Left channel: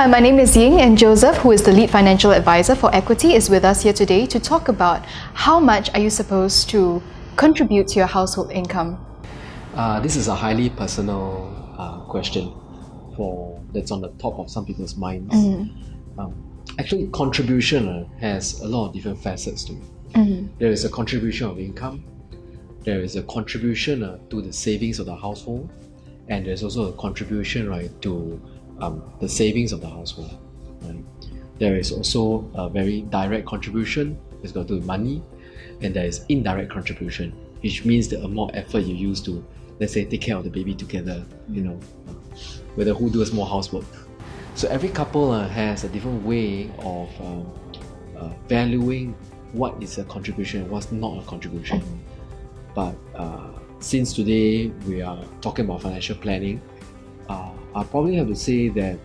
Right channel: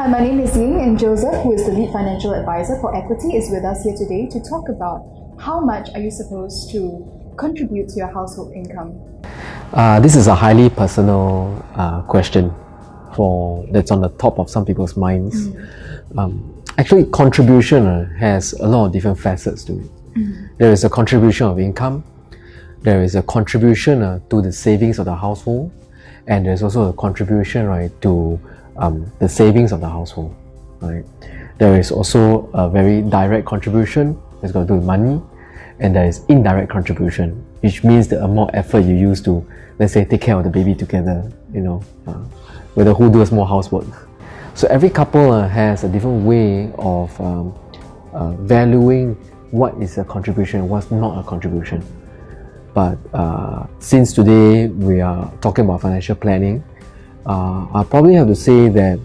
Hi, my name is Ying, and Joseph, who is the lead financial advisor for Equity, is with us here today to talk about how much are you supposed to contribute to your household income. This is a highly personal question that's on the top of some people's minds. Actually, contribution has a lot of different facets to it. There is a contribution of income, there is a contribution to the savings of the household, and there's also a contribution, right, to the savings of the household. Right? There is also a very direct contribution that's got to do with money, and there is indirect contribution, which means the amount of effort you use to, let's say, take care of the baby together, whether who does more housework. So every couple has a different way of valuing what is a contribution, what's not a contribution. But since today we are talking about financial planning, I probably have to say that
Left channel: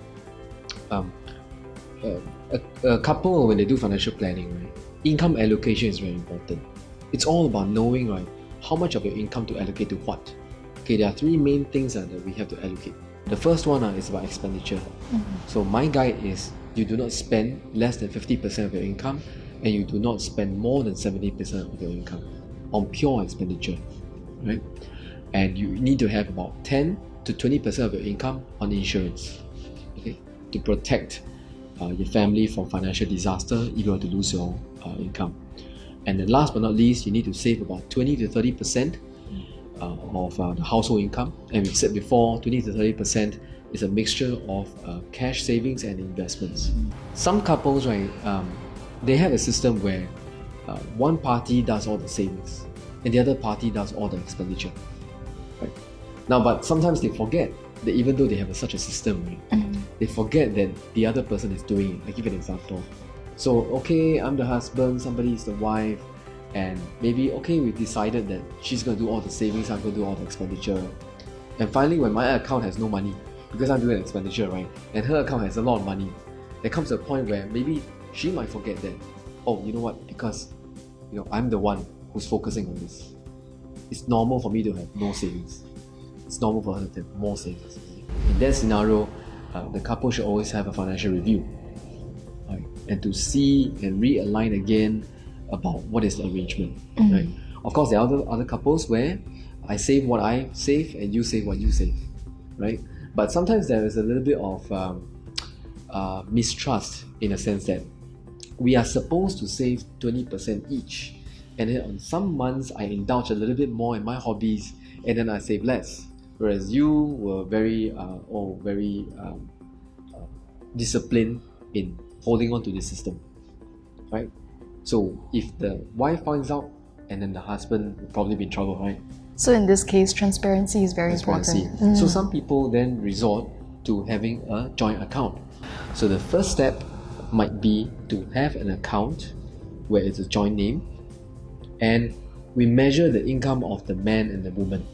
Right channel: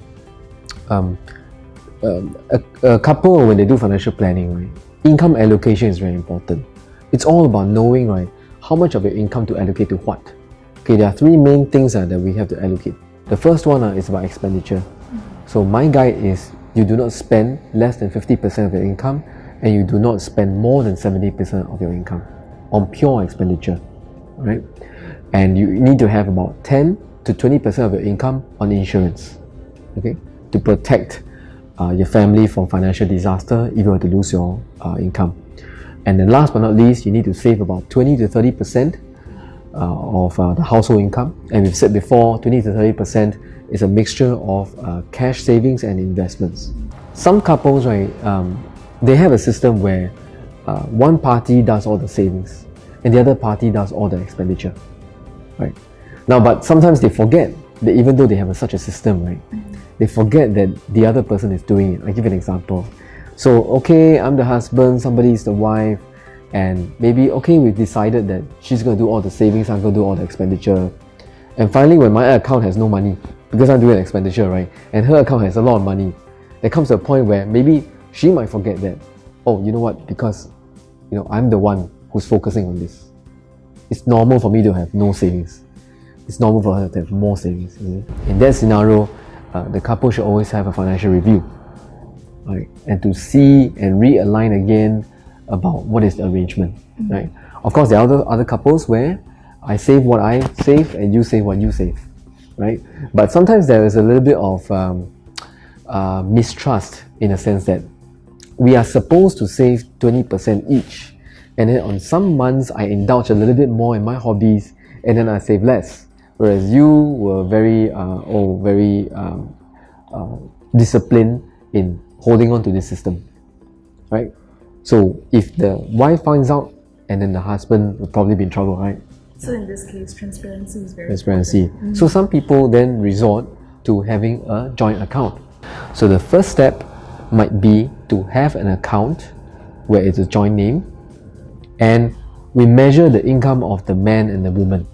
a couple, when they do financial planning, right, income allocation is very important. It's all about knowing, right, how much of your income to allocate to what. Okay, there are three main things that we have to allocate. The first one is about expenditure. So my guide is you do not spend less than 50% of your income, and you do not spend more than 70% of your income on pure expenditure, right? And you need to have about 10 to 20% of your income on insurance, okay, to protect your family from financial disaster if you were to lose your income. And then last but not least, you need to save about 20 to 30% of the household income. And we've said before, 20 to 30% is a mixture of cash savings and investments. Some couples, right, they have a system where one party does all the savings and the other party does all the expenditure, right? Now, but sometimes they forget that even though they have such a system, right, they forget that the other person is doing it. I'll give you an example. So, okay, I'm the husband, somebody is the wife, and maybe, okay, we've decided that she's going to do all the savings, I'm going to do all the expenditure. And finally, when my account has no money, because I'm doing expenditure, right, and her account has a lot of money, there comes a point where maybe she might forget that, oh, you know what, because I'm the one who's focusing on this. It's normal for me to have no savings. It's normal for her to have more savings. In that scenario, the couple should always have a financial review, right? And to see and realign again about what is the arrangement, right? Of course, there are other couples where I save what I save and you save what you save, right? But sometimes there is a little bit of mistrust, in a sense that we are supposed to save 20% each, and then on some months I indulge a little bit more in my hobbies and then I save less, whereas you were very disciplined in holding on to this system, right? So if the wife finds out, and then the husband will probably be in trouble, right? So in this case, transparency is very important. important. So some people then resort to having a joint account. So the first step might be to have an account where it's a joint name, and we measure the income of the man and the woman.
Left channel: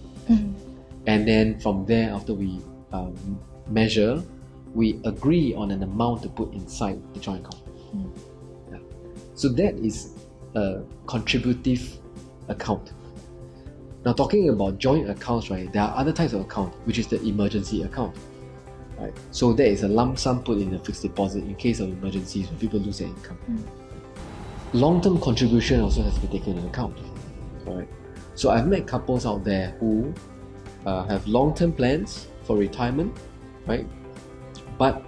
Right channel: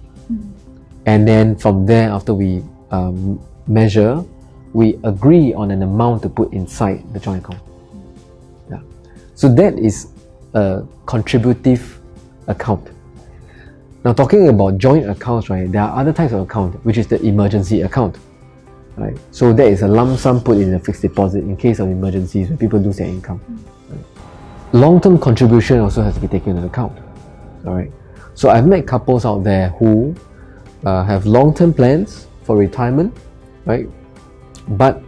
And then from there, after we measure, we agree on an amount to put inside the joint account. Yeah. So that is a contributive account. Now, talking about joint accounts, right, there are other types of account, which is the emergency account, right? So that is a lump sum put in a fixed deposit in case of emergencies when people lose their income. Right? Long-term contribution also has to be taken into account. All right. So I've met couples out there who have long-term plans for retirement, right? But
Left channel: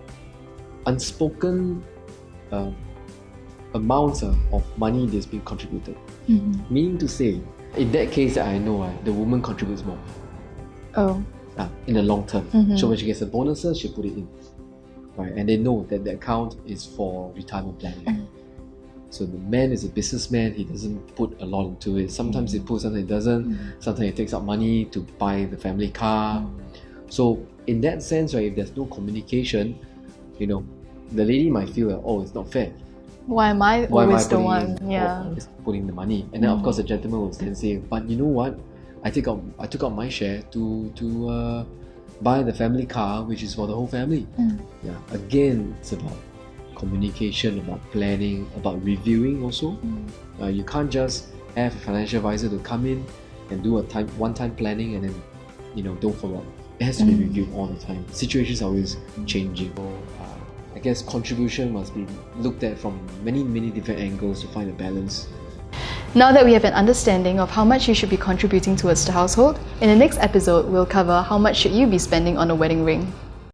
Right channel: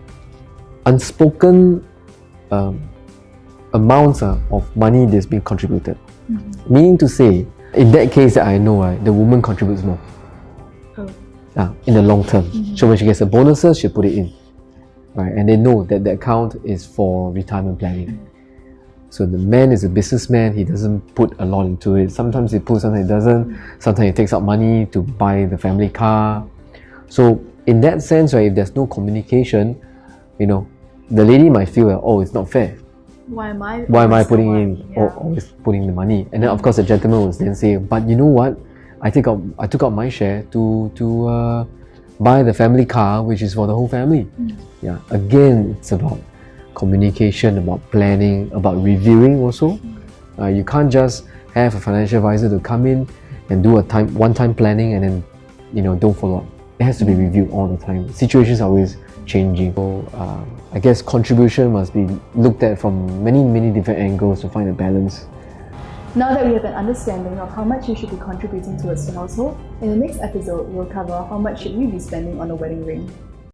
unspoken amounts of money that's being contributed. Meaning to say, in that case that I know, right, the woman contributes more. Oh. In the long term. So when she gets the bonuses, she'll put it in. Right? And they know that the account is for retirement planning. So the man is a businessman, he doesn't put a lot into it. Sometimes he puts, sometimes he doesn't. Sometimes he takes out money to buy the family car. So in that sense, right, if there's no communication, the lady might feel that, oh, it's not fair. Why am I putting in? Yeah. Always putting the money? And then of course the gentleman will then say, but you know what? I took out my share to buy the family car, which is for the whole family. Yeah. Again, it's about communication, about planning, about reviewing also. You can't just have a financial advisor to come in and do a one-time planning and then don't follow up. It has to be reviewed all the time. Situations are always changing. So I guess contribution must be looked at from many different angles to find a balance. Now that we have an understanding of how much you should be contributing towards the household, in the next episode we'll cover how much should you be spending on a wedding ring.